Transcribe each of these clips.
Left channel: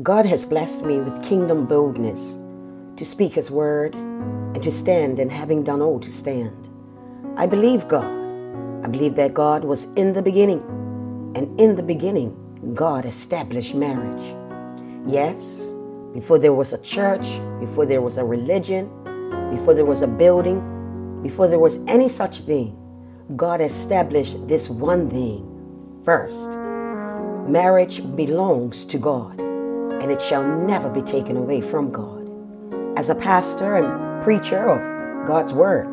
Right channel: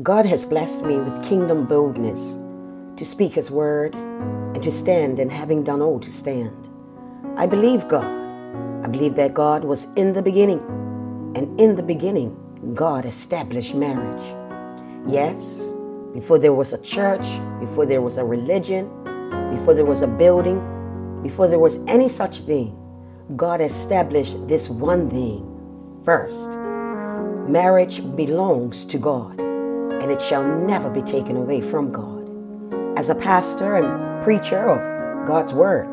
God has blessed me with kingdom boldness to speak His word and to stand, and having done all to stand. I believe God. I believe that God was in the beginning, and in the beginning, God established marriage. Yes, before there was a church, before there was a religion, before there was a building, before there was any such thing, God established this one thing first. Marriage belongs to God, and it shall never be taken away from God. As a pastor and preacher of God's Word,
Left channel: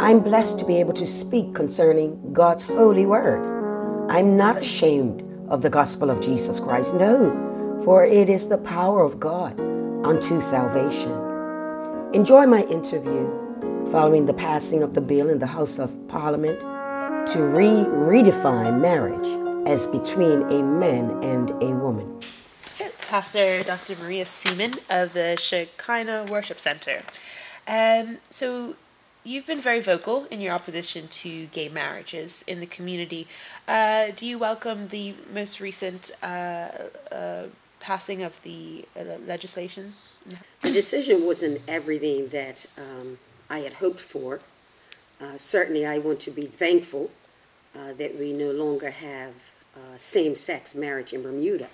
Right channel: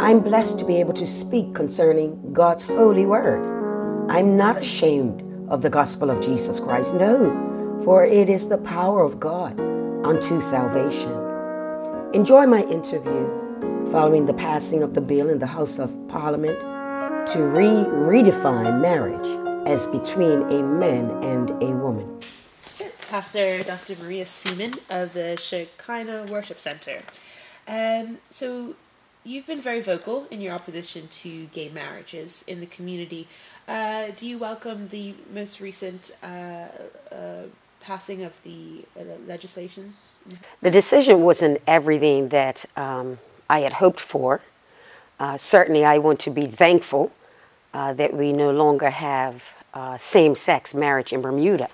I'm blessed to be able to speak concerning God's holy Word. I'm not ashamed of the gospel of Jesus Christ, no, for it is the power of God unto salvation. Enjoy my interview following the passing of the bill in the House of Parliament to redefine marriage as between a man and a woman. Pastor Dr. Maria Seaman of the Shekinah Worship Center. So you've been very vocal in your opposition to gay marriages in the community. Do you welcome the most recent passing of the legislation? The decision wasn't everything that I had hoped for. Certainly I want to be thankful that we no longer have same-sex marriage in Bermuda.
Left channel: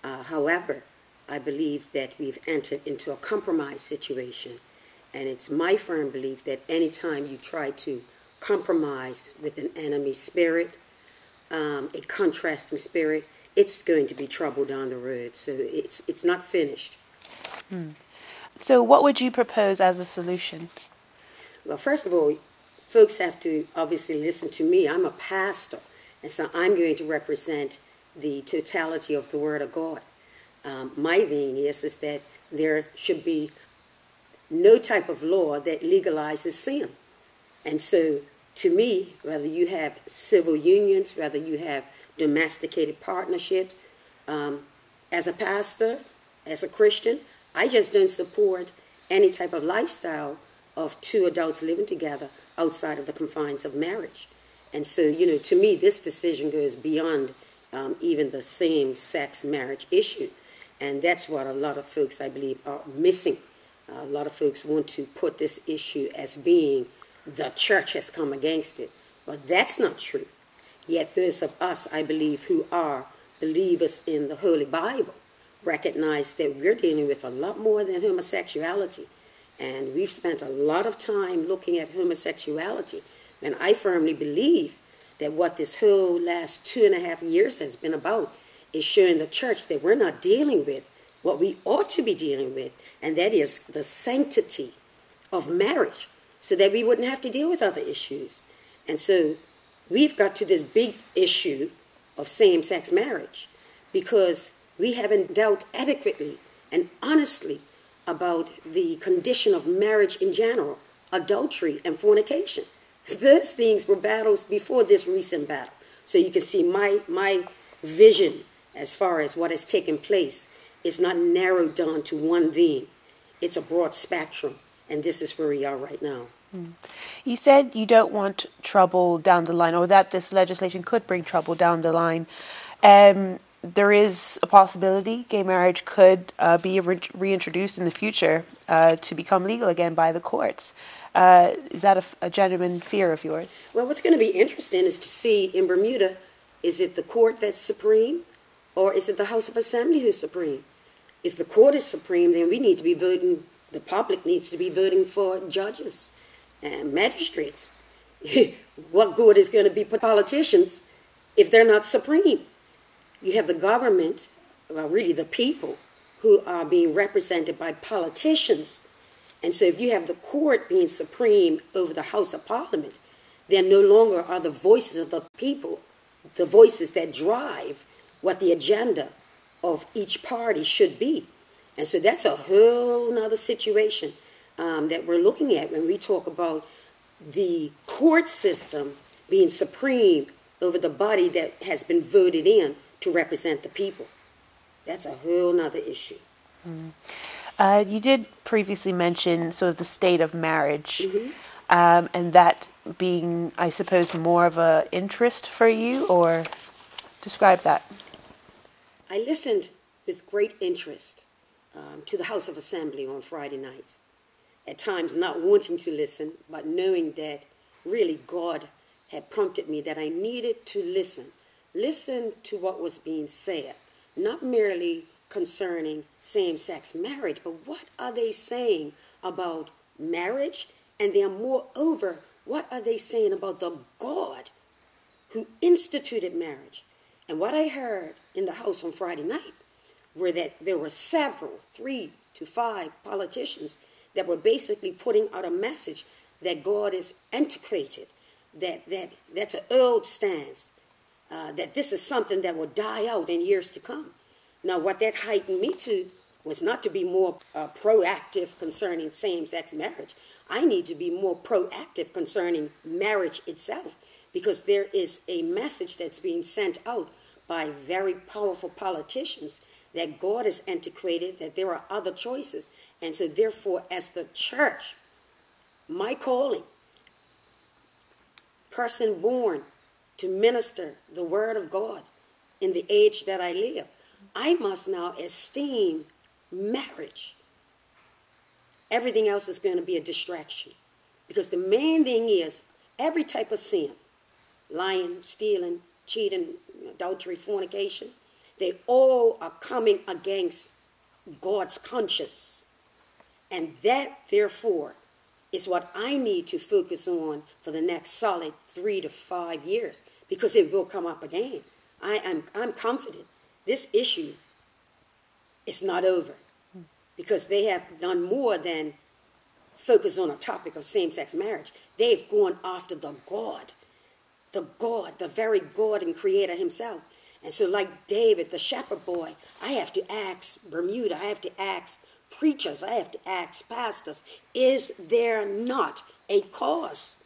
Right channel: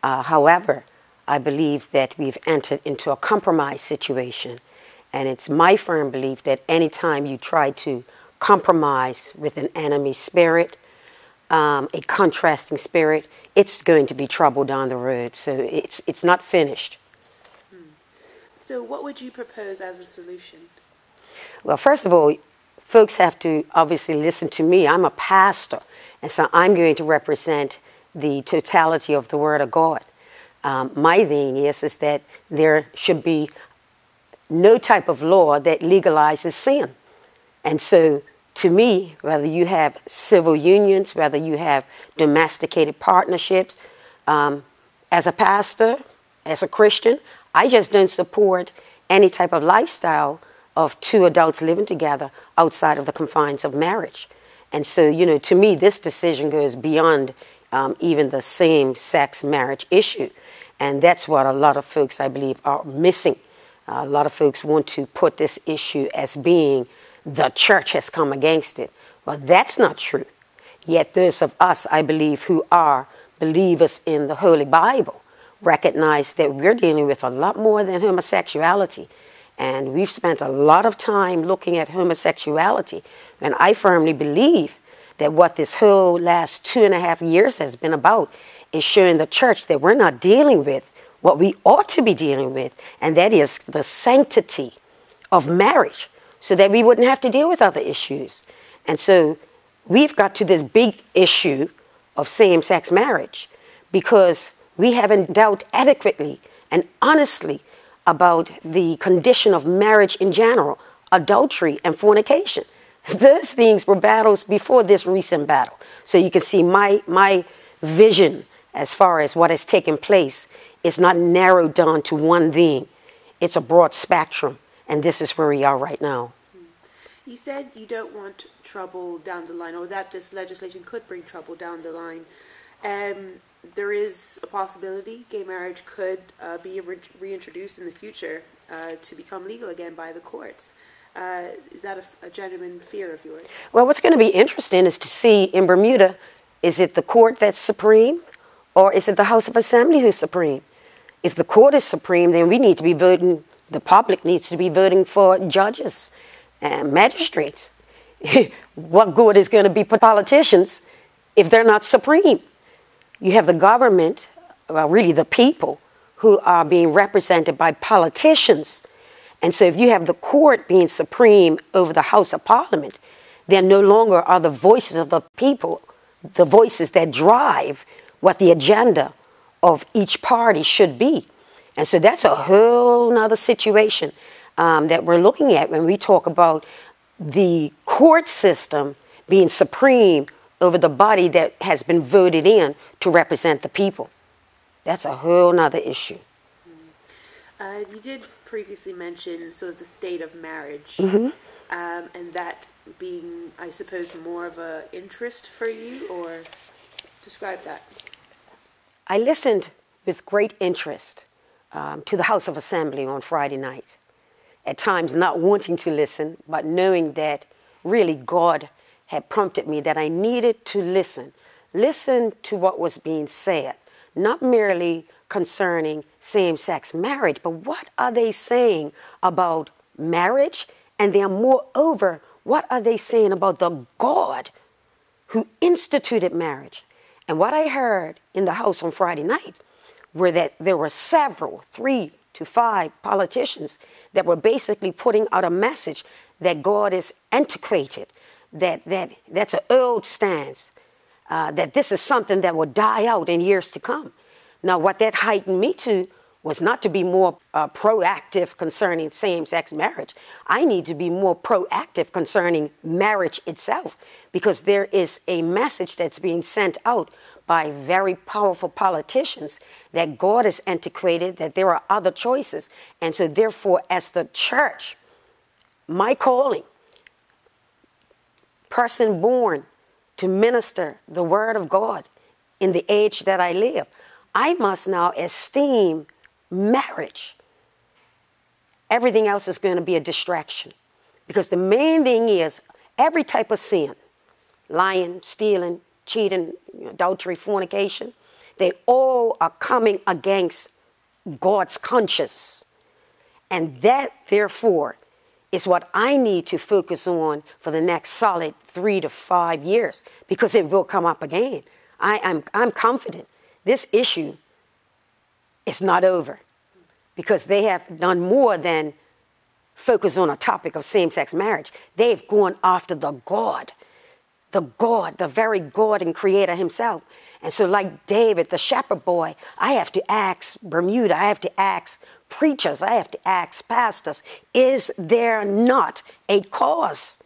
However, I believe that we've entered into a compromise situation, and it's my firm belief that anytime you try to compromise with an enemy spirit, a contrasting spirit, it's going to be trouble down the road. So it's not finished. So what would you propose as a solution? Well, first of all, folks have to obviously listen to me. I'm a pastor, and so I'm going to represent the totality of the Word of God. My thing is that there should be no type of law that legalizes sin. And so, to me, whether you have civil unions, whether you have domesticated partnerships, as a pastor, as a Christian, I just don't support any type of lifestyle of two adults living together outside of the confines of marriage. And so, to me, this decision goes beyond even the same-sex marriage issue. And that's what a lot of folks, I believe, are missing. A lot of folks want to put this issue as being the church has come against it. But that's not true. Yet those of us, I believe, who are believers in the Holy Bible recognize that we're dealing with a lot more than homosexuality. And we've spent a lot of time looking at homosexuality. And I firmly believe that what this whole last 2.5 years has been about is showing the church that we're not dealing with what we ought to be dealing with, and that is the sanctity of marriage, so that we wouldn't have to deal with other issues. And so we've got to this big issue of same-sex marriage because we haven't dealt adequately and honestly about the condition of marriage in general, adultery and fornication. Those things were battles before this recent battle. So you can see my vision as far as what has taken place is not narrowed down to one thing. It's a broad spectrum, and this is where we are right now. You said you don't want trouble down the line, or that this legislation could bring trouble down the line. There is a possibility gay marriage could be reintroduced in the future to become legal again by the courts. Is that a genuine fear of yours? Well, what's going to be interesting is to see in Bermuda, is it the court that's supreme, or is it the House of Assembly who's supreme? If the court is supreme, then we need to be voting, the public needs to be voting for judges and magistrates. What good is going to be for politicians if they're not supreme? You have the government, well, really the people, who are being represented by politicians. And so if you have the court being supreme over the House of Parliament, then no longer are the voices of the people the voices that drive what the agenda of each party should be. And so that's a whole nother situation that we're looking at when we talk about the court system being supreme over the body that has been voted in to represent the people. That's a whole nother issue. You did previously mention sort of the state of marriage, and that being, I suppose, more of an interest for you, or describe that. I listened with great interest to the House of Assembly on Friday night. At times not wanting to listen, but knowing that really God had prompted me that I needed to listen. Listen to what was being said, not merely concerning same-sex marriage, but what are they saying about marriage? And then moreover, what are they saying about the God who instituted marriage? And what I heard in the House on Friday night were that there were several, 3 to 5 politicians that were basically putting out a message that God is antiquated, that's an old stance, that this is something that will die out in years to come. Now, what that heightened me to was not to be more proactive concerning same-sex marriage. I need to be more proactive concerning marriage itself, because there is a message that's being sent out by very powerful politicians that God is antiquated, that there are other choices. And so therefore, as the church, my calling, person born to minister the word of God in the age that I live, I must now esteem marriage. Everything else is going to be a distraction. Because the main thing is every type of sin, lying, stealing, cheating, adultery, fornication, they all are coming against God's conscience. And that, therefore, is what I need to focus on for the next solid 3 to 5 years, because it will come up again. I'm confident this issue is not over, because they have done more than focus on a topic of same-sex marriage. They've gone after the very God and creator himself. And so like David, the shepherd boy, I have to ask Bermuda, I have to ask preachers, I have to ask pastors, is there not a cause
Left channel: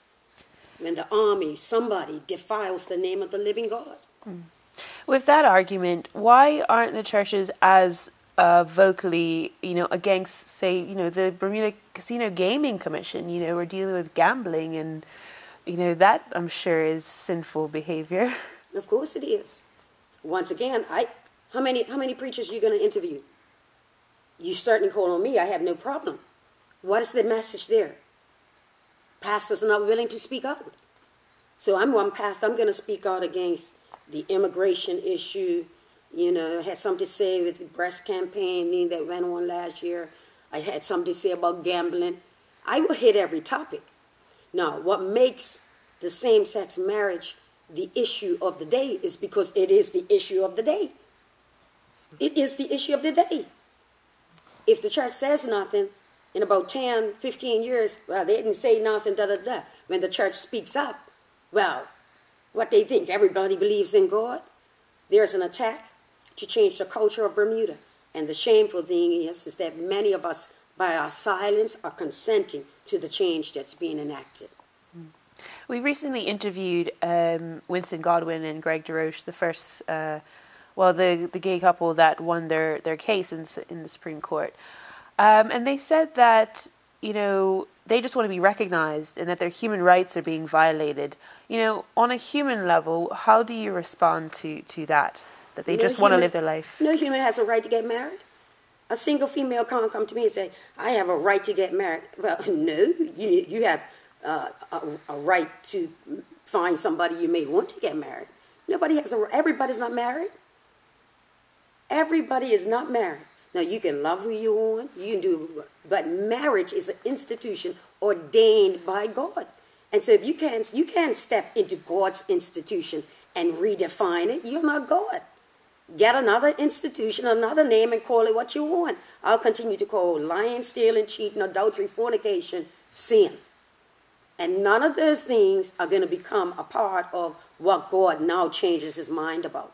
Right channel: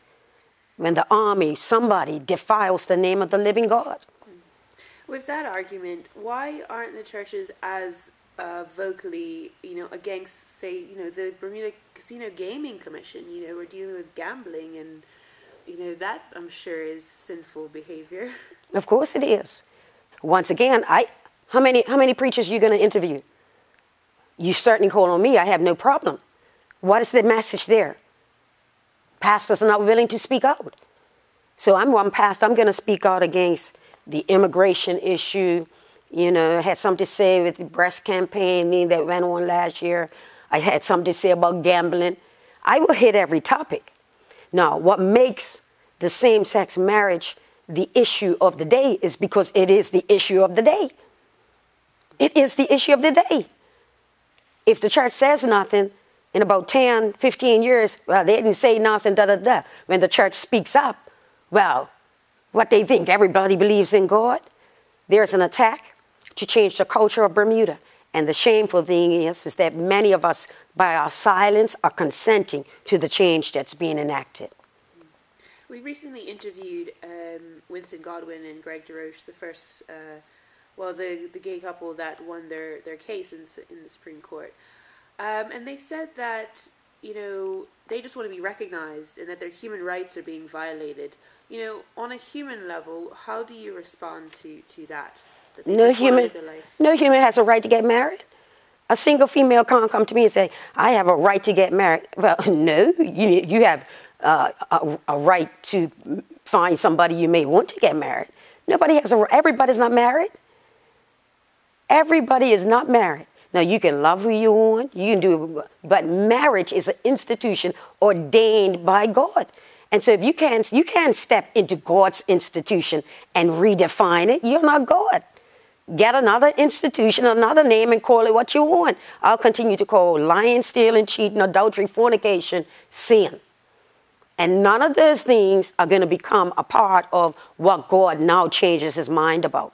when the army, somebody defiles the name of the living God? With that argument, why aren't the churches as vocally, against, say, the Bermuda Casino Gaming Commission? We're dealing with gambling, and that, I'm sure, is sinful behavior. Of course it is. Once again, how many preachers are you going to interview? You certainly call on me. I have no problem. What is the message there? Pastors are not willing to speak out. So I'm one pastor. I'm going to speak out against the immigration issue. I had something to say with the breast campaign that went on last year. I had something to say about gambling. I will hit every topic. Now, what makes the same-sex marriage the issue of the day is because it is the issue of the day. It is the issue of the day. If the church says nothing in about 10, 15 years, well, they didn't say nothing, When the church speaks up, well, what they think, everybody believes in God. There's an attack to change the culture of Bermuda. And the shameful thing is that many of us, by our silence, are consenting to the change that's being enacted. We recently interviewed Winston Godwin and Greg DeRoche, the first, the gay couple that won their case in the Supreme Court. And they said that, they just want to be recognized and that their human rights are being violated. On a human level, how do you respond to that? That they just want to live their life? No human has a right to get married. A single female can't come to me and say, I have a right to get married. Well, no, you have a right to find somebody you may want to get married. Nobody has everybody's not married. Everybody is not married. Now, you can love who you want, you can do, but marriage is an institution ordained by God. And so if you can't step into God's institution and redefine it, you're not God. Get another institution, another name, and call it what you want. I'll continue to call lying, stealing, cheating, adultery, fornication, sin. And none of those things are going to become a part of what God now changes his mind about.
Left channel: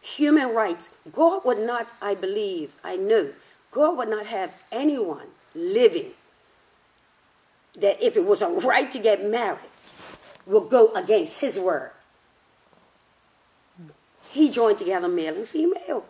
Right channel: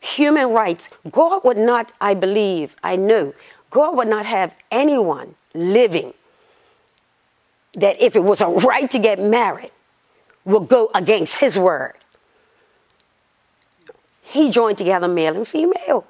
Human rights, God would not, I know, God would not have anyone living that if it was a right to get married will go against his word. He joined together male and female.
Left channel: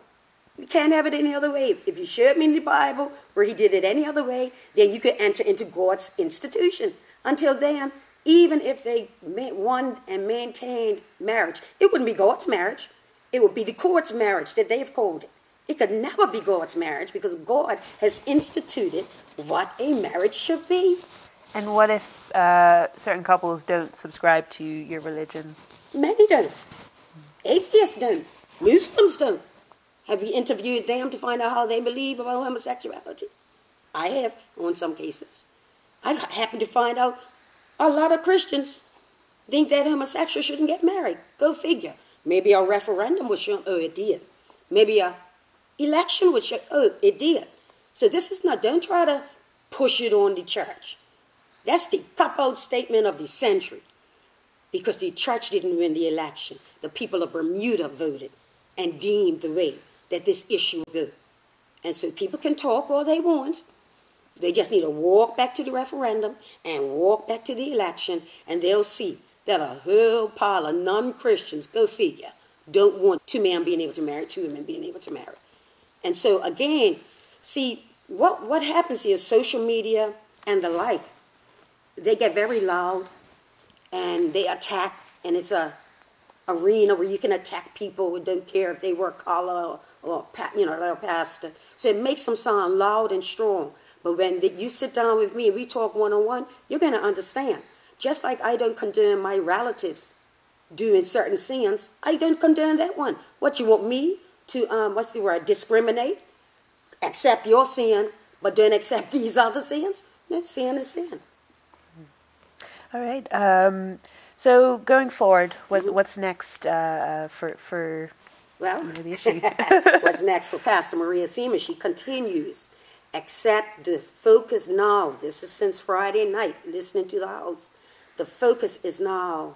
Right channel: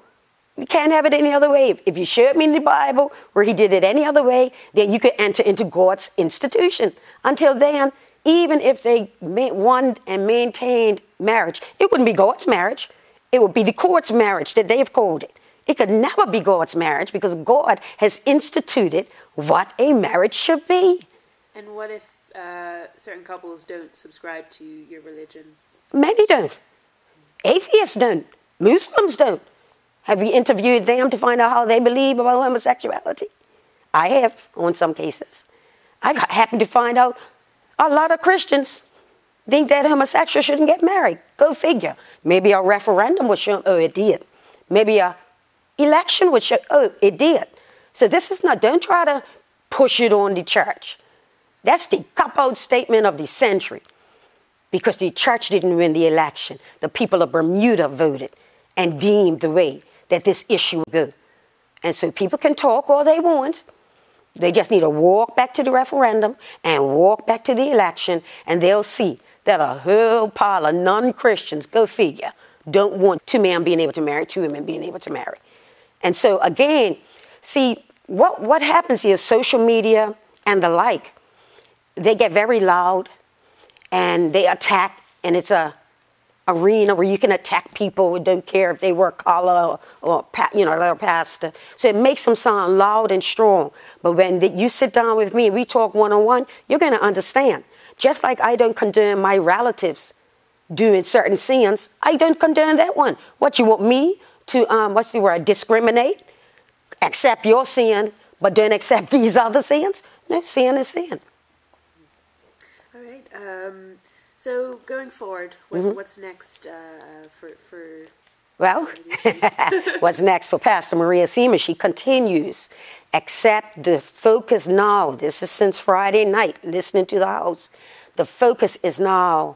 You can't have it any other way. If you showed me in the Bible where he did it any other way, then you could enter into God's institution. Until then, even if they won and maintained marriage, it wouldn't be God's marriage. It would be the court's marriage that they've called it. It could never be God's marriage because God has instituted what a marriage should be. And what if certain couples don't subscribe to your religion? Many don't. Atheists don't. Muslims don't. Have you interviewed them to find out how they believe about homosexuality? I have, on some cases. I happen to find out a lot of Christians think that homosexuals shouldn't get married. Go figure. Maybe a referendum would show, oh, it did. Maybe a election would show, oh, it did. So this is not, don't try to push it on the church. That's the cop-out statement of the century. Because the church didn't win the election. The people of Bermuda voted and deemed the way that this issue would go. And so people can talk all they want. They just need to walk back to the referendum and walk back to the election, and they'll see that a whole pile of non-Christians, go figure, don't want two men being able to marry, two women being able to marry. And so again, see, what happens is social media and the like, they get very loud and they attack, and it's a arena where you can attack people who don't care if they wear collar or they're pastor. So it makes them sound loud and strong. But when you sit down with me and we talk one-on-one, you're going to understand. Just like I don't condone my relatives doing certain sins, I don't condone that one. What, you want me to, discriminate? Accept your sin, but don't accept these other sins? No, sin is sin. All right. So going forward, what's next for Well, what's next for Pastor Maria Seaman? She continues. Accept the focus now. This is since Friday night, listening to the house. The focus is now,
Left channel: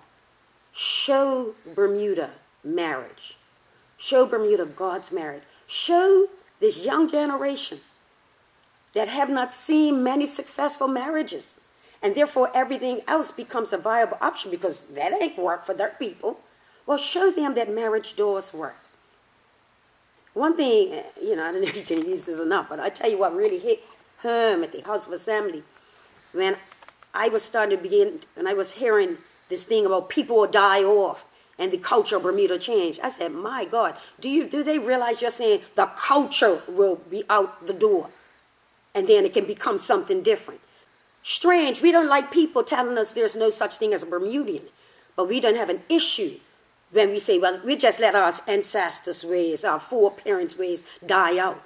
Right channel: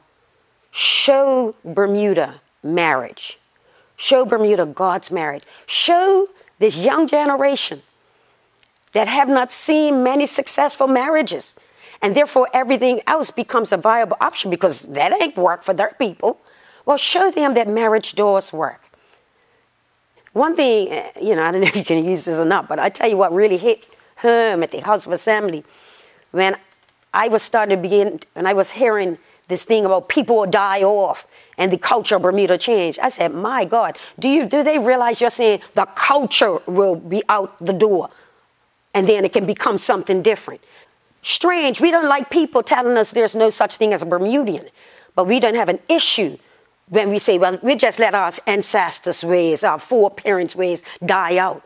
show Bermuda marriage. Show Bermuda God's marriage. Show this young generation that have not seen many successful marriages. And therefore everything else becomes a viable option because that ain't work for their people. Well, show them that marriage does work. One thing, I don't know if you can use this or not, but I tell you what really hit home at the House of Assembly when I was hearing this thing about people will die off and the culture of Bermuda change. I said, my God, do they realize you're saying the culture will be out the door and then it can become something different? Strange, we don't like people telling us there's no such thing as a Bermudian, but we don't have an issue when we say, well, we just let our ancestors' ways, our foreparents' ways die out.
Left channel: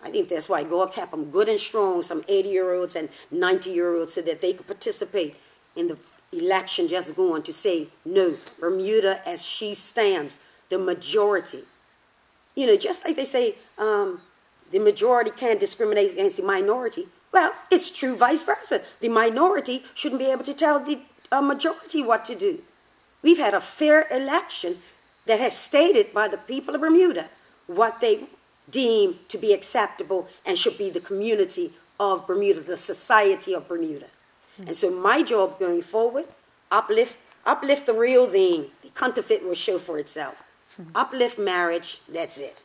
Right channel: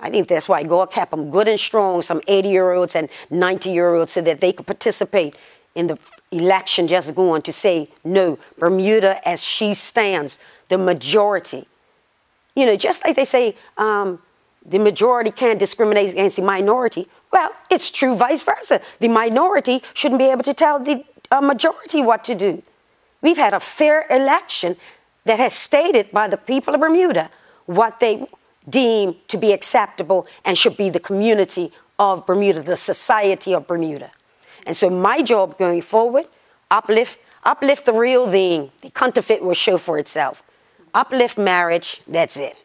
I think that's why God kept them good and strong, some 80-year-olds and 90-year-olds, so that they could participate in the election just going to say, no, Bermuda as she stands, the majority. Just like they say the majority can't discriminate against the minority. Well, it's true vice versa. The minority shouldn't be able to tell the majority what to do. We've had a fair election that has stated by the people of Bermuda what they deem to be acceptable and should be the community of Bermuda, the society of Bermuda. And so my job going forward, uplift the real thing. The counterfeit will show for itself. Uplift marriage, that's it.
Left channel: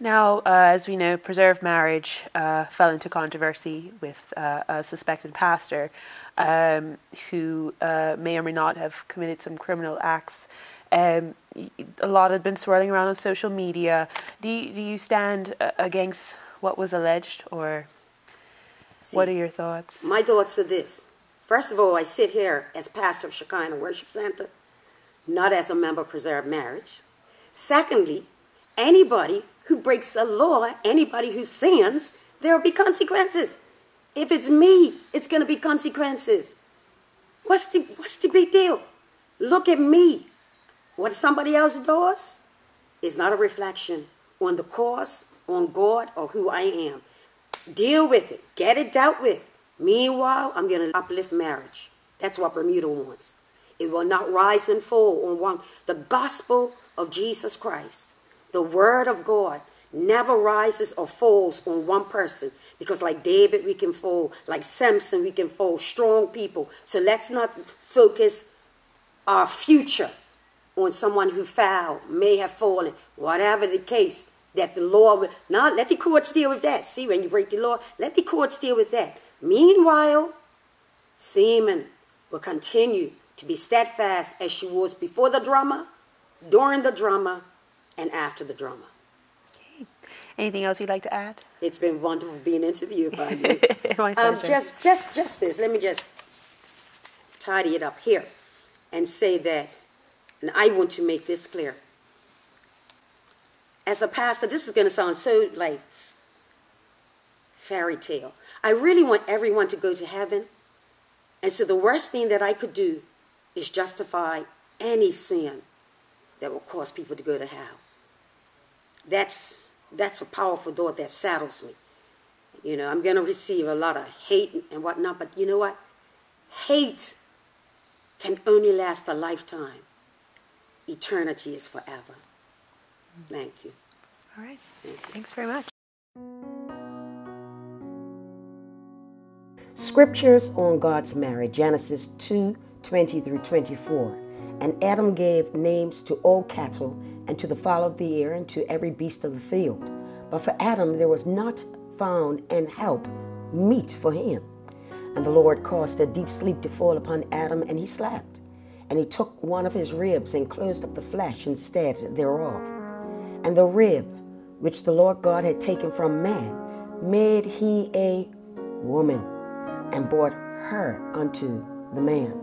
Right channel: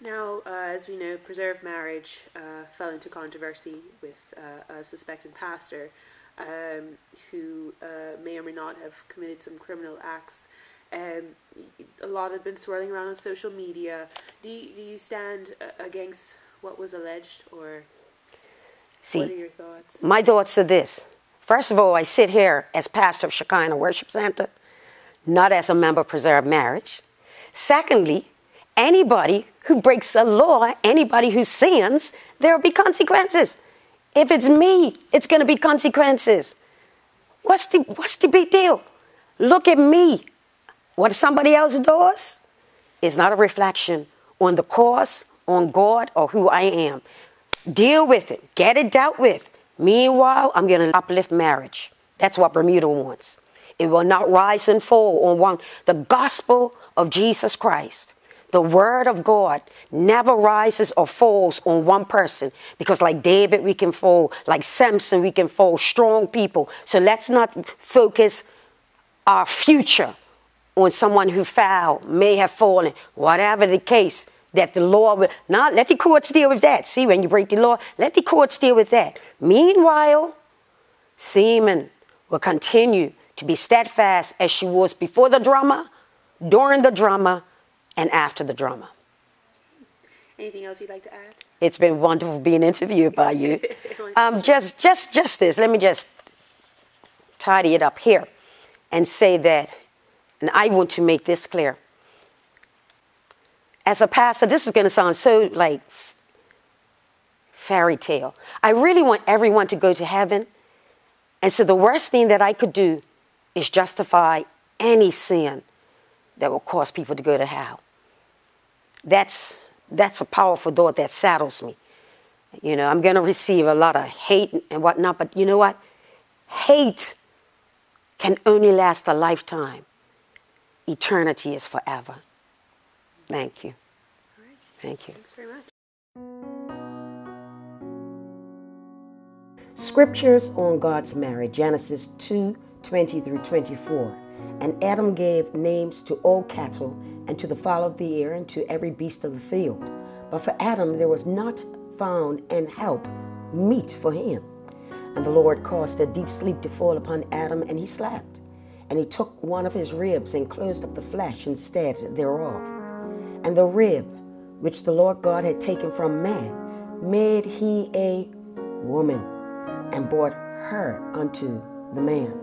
Now, as we know, preserved marriage fell into controversy with a suspected pastor who may or may not have committed some criminal acts. A lot have been swirling around on social media. Do you stand against what was alleged, or what are your thoughts? My thoughts are this. First of all, I sit here as pastor of Shekinah Worship Center, not as a member of preserved marriage. Secondly, anybody who breaks a law, anybody who sins, there will be consequences. If it's me, it's going to be consequences. What's the big deal? Look at me. What somebody else does is not a reflection on the cause, on God, or who I am. Deal with it. Get it dealt with. Meanwhile, I'm going to uplift marriage. That's what Bermuda wants. It will not rise and fall on one. The gospel of Jesus Christ, the word of God, never rises or falls on one person, because like David we can fall, like Samson we can fall, strong people. So let's not focus our future on someone who may have fallen, whatever the case, that the law will not let the courts deal with that. See, when you break the law, let the courts deal with that. Meanwhile, Seaman will continue to be steadfast as she was before the drama, during the drama, and after the drama. Anything else you'd like to add? It's been wonderful being interviewed by you. My pleasure. Just this. Let me just tidy it up here and say that, and I want to make this clear. As a pastor, this is going to sound so like fairy tale. I really want everyone to go to heaven. And so the worst thing that I could do is justify any sin that will cause people to go to hell. That's a powerful thought that saddles me. You know, I'm going to receive a lot of hate and whatnot, but you know what? Hate can only last a lifetime. Eternity is forever. Thank you. All right. Thank you. Thanks very much. Scriptures on God's marriage, Genesis 2:20 through 24. And Adam gave names to all cattle, and to the fowl of the air, and to every beast of the field. But for Adam there was not found an help meet for him. And the Lord caused a deep sleep to fall upon Adam, and he slept. And he took one of his ribs, and closed up the flesh instead thereof. And the rib which the Lord God had taken from man made he a woman, and brought her unto the man.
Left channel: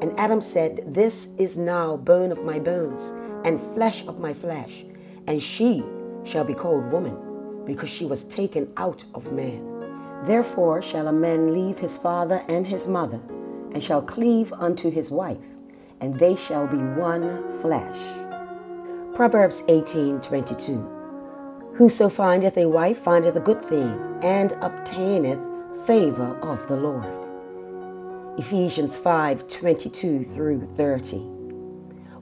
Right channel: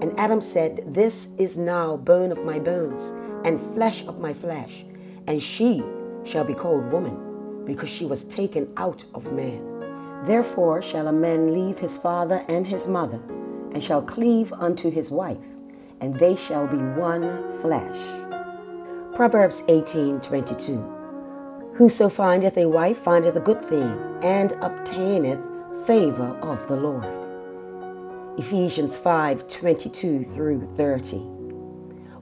And Adam said, This is now bone of my bones, and flesh of my flesh, and she shall be called woman, because she was taken out of man. Therefore shall a man leave his father and his mother, and shall cleave unto his wife, and they shall be one flesh. Proverbs 18:22. Whoso findeth a wife findeth a good thing, and obtaineth favor of the Lord. Ephesians 5:22 through 30.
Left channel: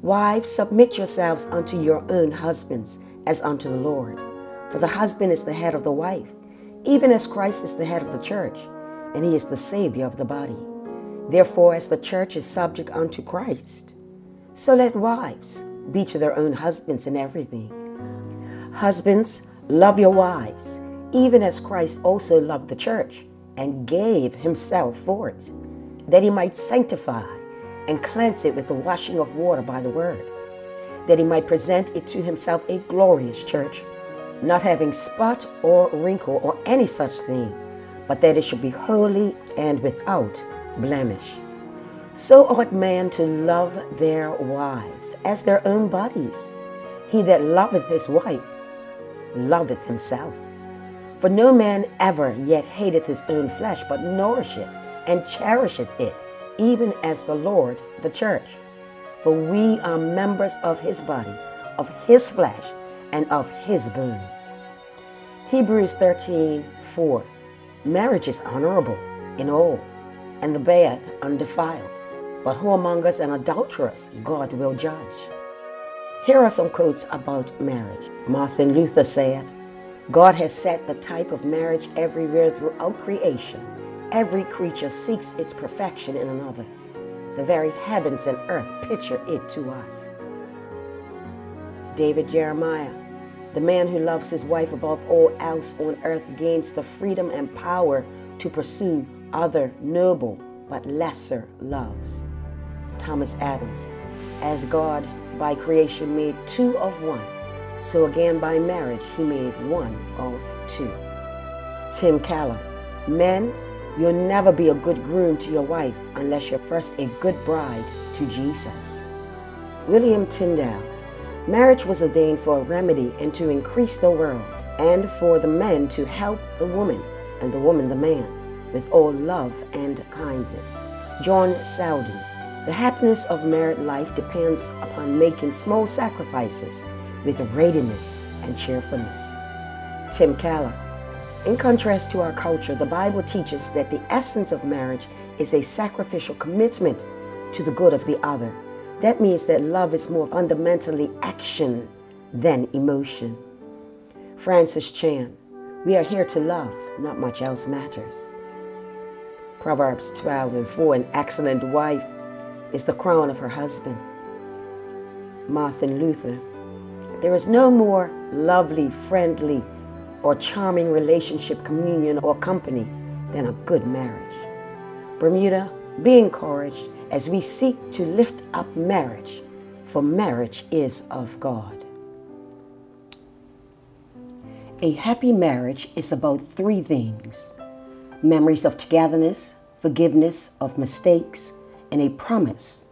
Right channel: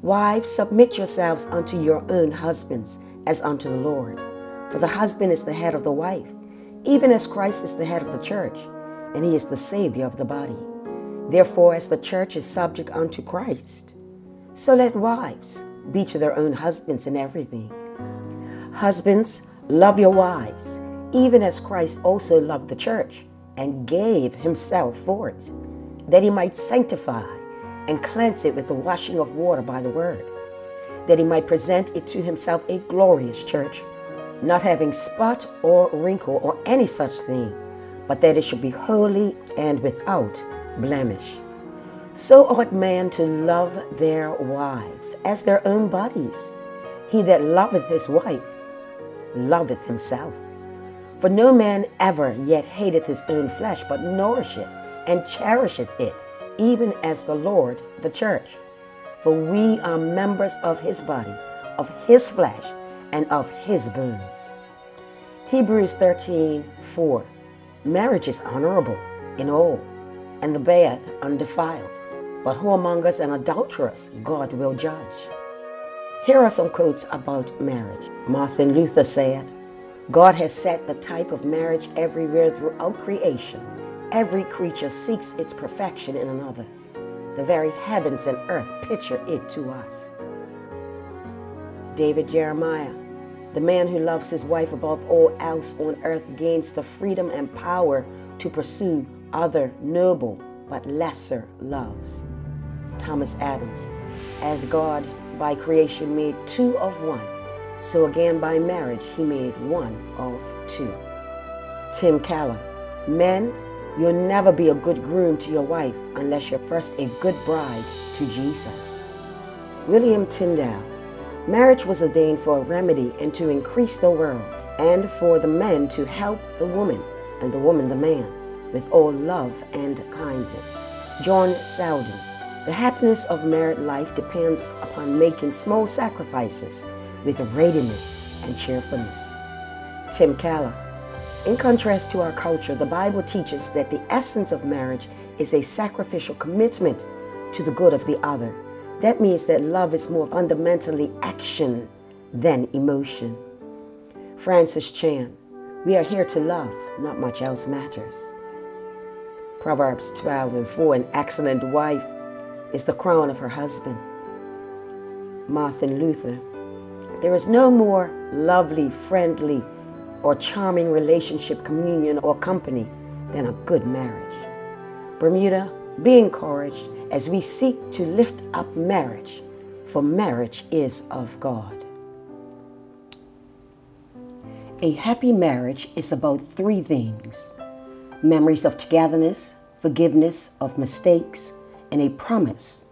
Wives, submit yourselves unto your own husbands as unto the Lord. For the husband is the head of the wife, even as Christ is the head of the church, and he is the Savior of the body. Therefore, as the church is subject unto Christ, so let wives be to their own husbands in everything. Husbands, love your wives, even as Christ also loved the church, and gave himself for it, that he might sanctify and cleanse it with the washing of water by the word, that he might present it to himself a glorious church, not having spot or wrinkle or any such thing, but that it should be holy and without blemish. So ought man to love their wives as their own bodies. He that loveth his wife loveth himself. For no man ever yet hateth his own flesh, but nourisheth and cherisheth it, even as the Lord the church. For we are members of his body, of his flesh, and of his bones. Hebrews 13:4. Marriage is honorable in all, and the bed undefiled. But whoremongers and adulterers God will judge. Here are some quotes about marriage. Martin Luther said, God has set the type of marriage everywhere throughout creation. Every creature seeks its perfection in another. The very heavens and earth picture it to us. David Jeremiah, the man who loves his wife above all else on earth gains the freedom and power to pursue other noble but lesser loves. Thomas Adams, as God by creation made two of one, so again by marriage he made one of two. Tim Keller, men, you'll never be a good groom to your wife unless you're first a good bride to Jesus. William Tyndale, marriage was ordained for a remedy and to increase the world, and for the man to help the woman, and the woman the man, with all love and kindness. John Selden, the happiness of married life depends upon making small sacrifices with readiness and cheerfulness. Tim Keller, in contrast to our culture, the Bible teaches that the essence of marriage is a sacrificial commitment to the good of the other. That means that love is more fundamentally action than emotion. Francis Chan, we are here to love, not much else matters. Proverbs 12:4, an excellent wife is the crown of her husband. Martin Luther, there is no more lovely, friendly, or charming relationship, communion, or company than a good marriage. Bermuda, be encouraged as we seek to lift up marriage, for marriage is of God. A happy marriage is about three things: memories of togetherness, forgiveness of mistakes, and a promise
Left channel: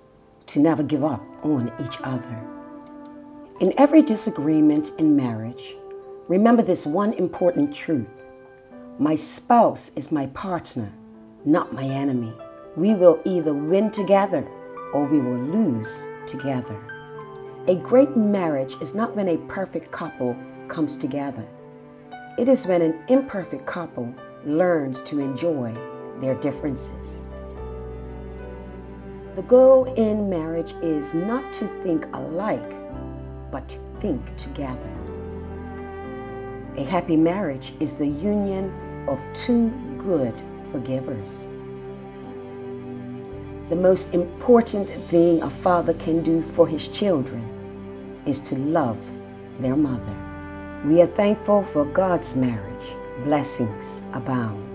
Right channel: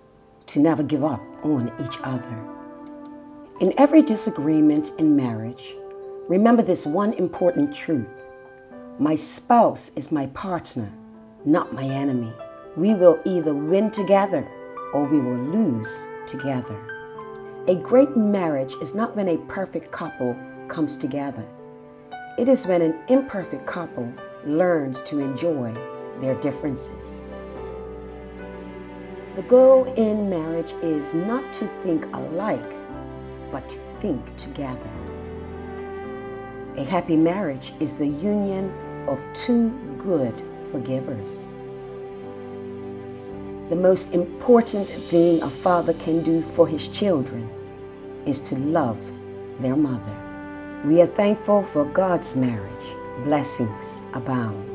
to never give up on each other. In every disagreement in marriage, remember this one important truth: my spouse is my partner, not my enemy. We will either win together or we will lose together. A great marriage is not when a perfect couple comes together. It is when an imperfect couple learns to enjoy their differences. The goal in marriage is not to think alike, but to think together. A happy marriage is the union of two good forgivers. The most important thing a father can do for his children is to love their mother. We are thankful for God's marriage. Blessings abound.